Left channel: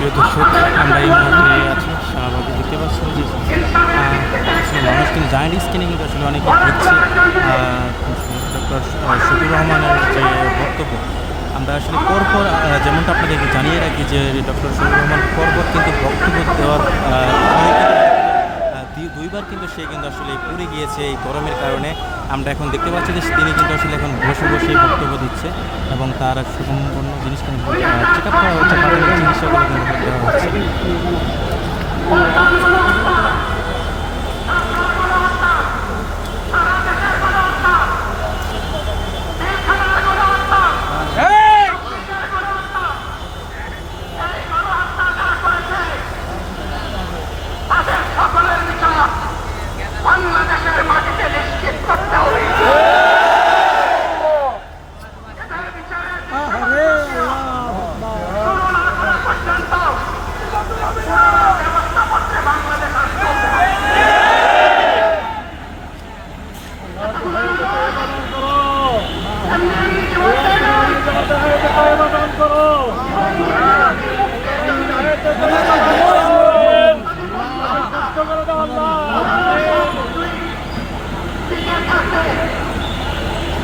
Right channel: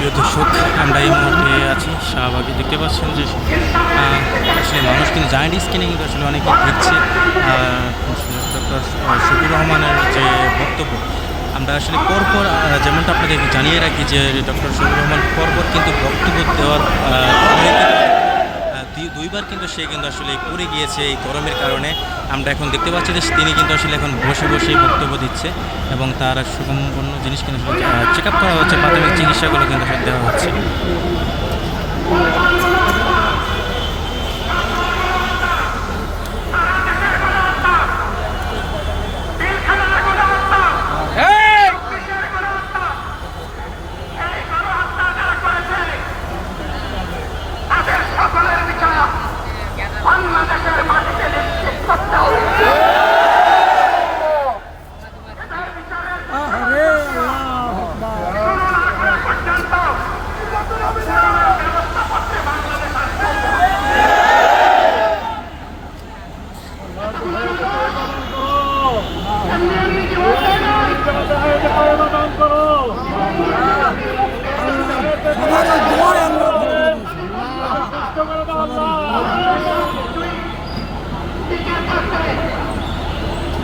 প্রিয় দর্শক, আমরা এই মুহূর্তে আছি শাহবাগে। দেখতে পাচ্ছেন যে আসলে মানুষ কিন্তু জায়েন্ট স্ক্রিনে কিন্তু আসলে অনেকে দেখছে। ডক্টর শফির রহমানের যে বক্তব্য, আমরা আসলে পরপর যেমনটা আপনাদেরকে জানিয়ে রাখি যে, ডক্টর শফির রহমান পরপর কিন্তু বক্তব্য দেওয়ার আহ, পরে কিন্তু আহ, দুই- দুইবার কিন্তু সে কিন্তু আসলে পড়ে গিয়েছে এই গরমের কারণে। আমরা এখন দেখতে পাচ্ছি যে তিনি কিন্তু আসলে এখন বসে বসে বক্তব্য দিচ্ছে এবং তার সুগম্পন্ন জিনিস কিন্তু চেক আপ করা হচ্ছে, প্রাথমিক চিকিৎসাগুলো কিন্তু দেওয়া হচ্ছে।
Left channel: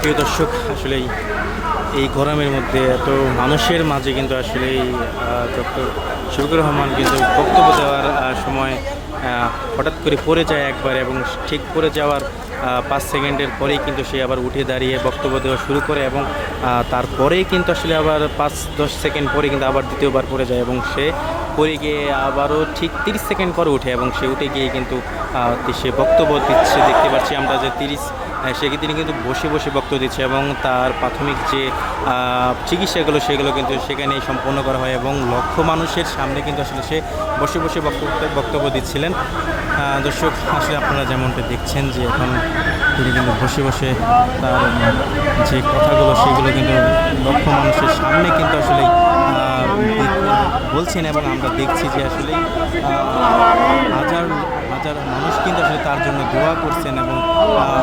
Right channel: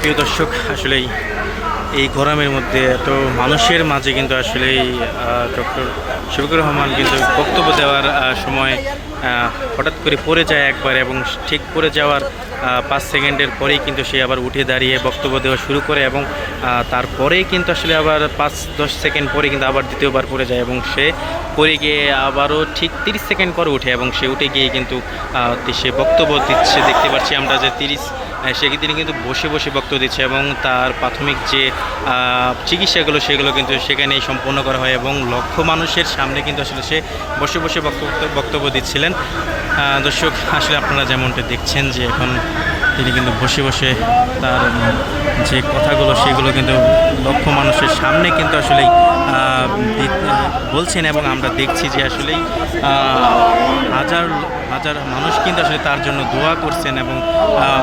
প্রিয় দর্শক, আসলেই এই গরমের মধ্যে এত মানুষের মাঝে কিন্তু আসলেই ডক্টর শফিকুর রহমান কিন্তু বক্তব্য দেওয়ার সময় হঠাৎ করে পড়ে যায় একবার এবং ঠিক পড়ে যাওয়ার পাঁচ সেকেন্ডের পরেই কিন্তু সে আবার উঠে দাঁড়িয়ে বক্তব্য দেওয়া শুরু করে এবং তারপরেই কিন্তু আসলে আবার পাঁচ, দশ সেকেন্ড পরে কিন্তু আবার দ্বিতীয়বার পড়ে যায় এবং সে পড়ে গিয়ে আবারও ঠিক তিরিশ সেকেন্ড পরে উঠে এবং সে উঠে গিয়ে কিন্তু সে বক্তব্য দিচ্ছে। দেখতে পাচ্ছি আমরা যে তিরিশ সে তিনি কিন্তু বসে বসে বক্তব্য দিচ্ছে এবং তার প্রাথমিক যে চিকিৎসাগুলো সেগুলো কিন্তু সেখানেই সম্পন্ন করা হয় এবং লক্ষ মানুষের সামনে কিন্তু আসলে সে বসে বসে বক্তব্য বক্তব্য দিচ্ছিলেন। দর্শক আসলে আপনারা যেমনটা দেখছেন যে এখন তিনি কিন্তু বসে বসে তার যে কথাগুলো সেগুলো কিন্তু লক্ষ মানুষের সামনে কিন্তু দি- বলছেন এবং আমরা দেখছি যে আসলেই আহ, হাজার হাজার মানুষ কিন্তু আসলে তার জন্য দোয়া করছেন এবং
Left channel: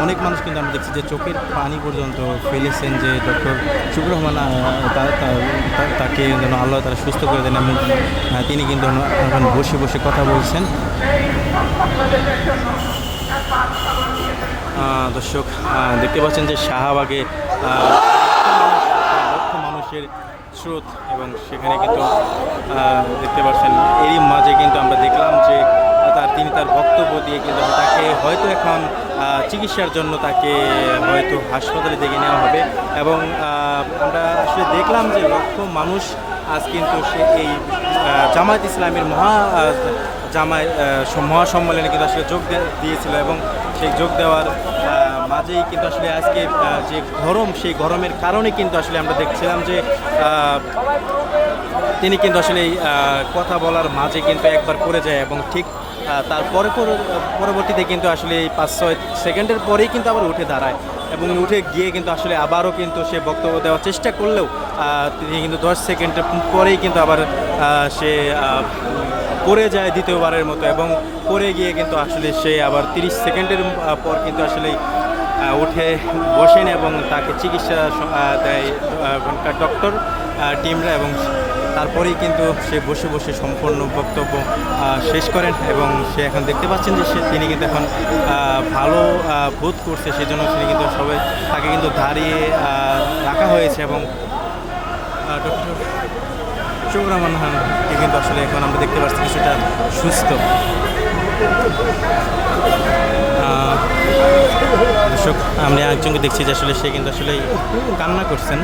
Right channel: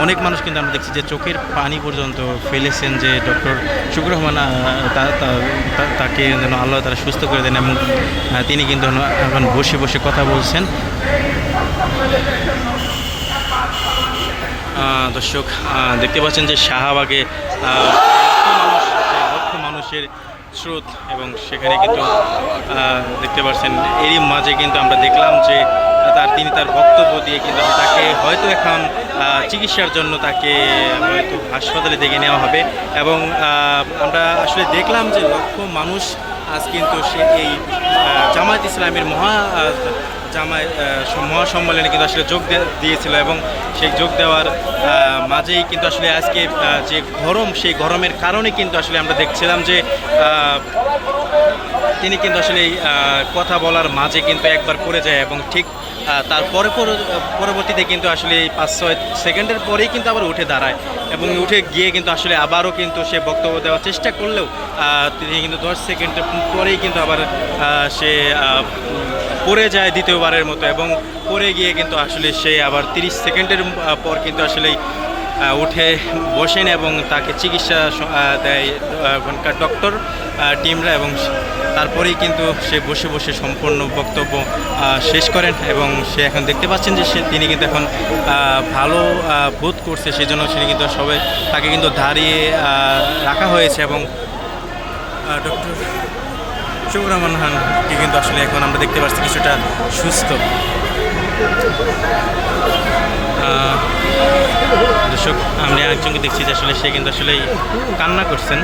অনেক মানুষ কিন্তু আমরা দেখছি যে চোখের পানি পর্যন্ত ফেলেছেন যে ডক্টর শুক্র রহমান তাকে যেন আল্লাহ তারা সুস্থ করে দেন এবং তিনি কিন্তু এখন বসে বসে কথা বলছেন। দর্শক দেখতে পাচ্ছেন যে শাহবাগে লক্ষ মানুষের স্রোত এবং সেখানে কিন্তু দেখতে পাচ্ছেন, এরই মাঝে কিন্তু আমরা দেখলাম যে তার, তিনি তার বক্তব্য দিয়ে কিন্তু তাকে হয়তো এখন চিকিৎসার জন্য তাকে হয়তো হাসপাতালে দেখে নেওয়া হবে এবং আমরা আসলে দেখলাম যে লক্ষ মানুষ আজ কিন্তু সে এই জামায়াত ইসলামের মহা আহ, মহাসম্মেলনে কিন্তু আসলে যোগ দিয়েছিল এবং সেই যোগ দেওয়ার মাঝেই কিন্তু আসলে আজকে যে গরম সেই গরমের কারণে কিন্তু আসলে আমরা দেখছিলাম যে তিনি কিন্তু আসলে কথা বলার মাঝে কিন্তু একবার পড়ে যায় এবং ঠিক তারপরে পর- পরবর্তীতে কিন্তু আসলে পাঁচ ছয় সেকেন্ডের পরেই কিন্তু আবার উঠে দাঁড়ায় এবং উঠে গিয়ে কিন্তু আসলে আবারও কিন্তু সে বক্তব্য দেওয়ার চেষ্টা করলেও তিনি কিন্তু দশ সেকেন্ডের পরেই কিন্তু আবার সে পড়ে যায় দ্বিতীয়বারের মতো এবং পড়ে গিয়ে কিন্তু আসলে সে আবার তিরিশ সেকেন্ডের পর কিন্তু আসলেই উঠে বসেন এবং তাকে চিকিৎসা দেয় ওখানকার ডক্টর টিমরা এবং তারপরেই কিন্তু সে বসে বসে সম্পূর্ণ বক্তব্য শেষ করেন এবং সে এখন দেখতে পাচ্ছেন যে সে, তিনি কিন্তু এখন ভালো বোধ করছে সেজন্য তিনি কিন্তু সবাই তাকে কিন্তু দাঁড়িয়ে রাখা হয়েছে এবং ডক্টর শুকুর রহমান খানকে কিন্তু আসলে এখন আমরা দেখতে পাচ্ছি কিছুটা সুস্থ। দর্শক, আমরা একজনকে দেখছি যে আসলে সে কিন্তু আসলে কান্না করছেন।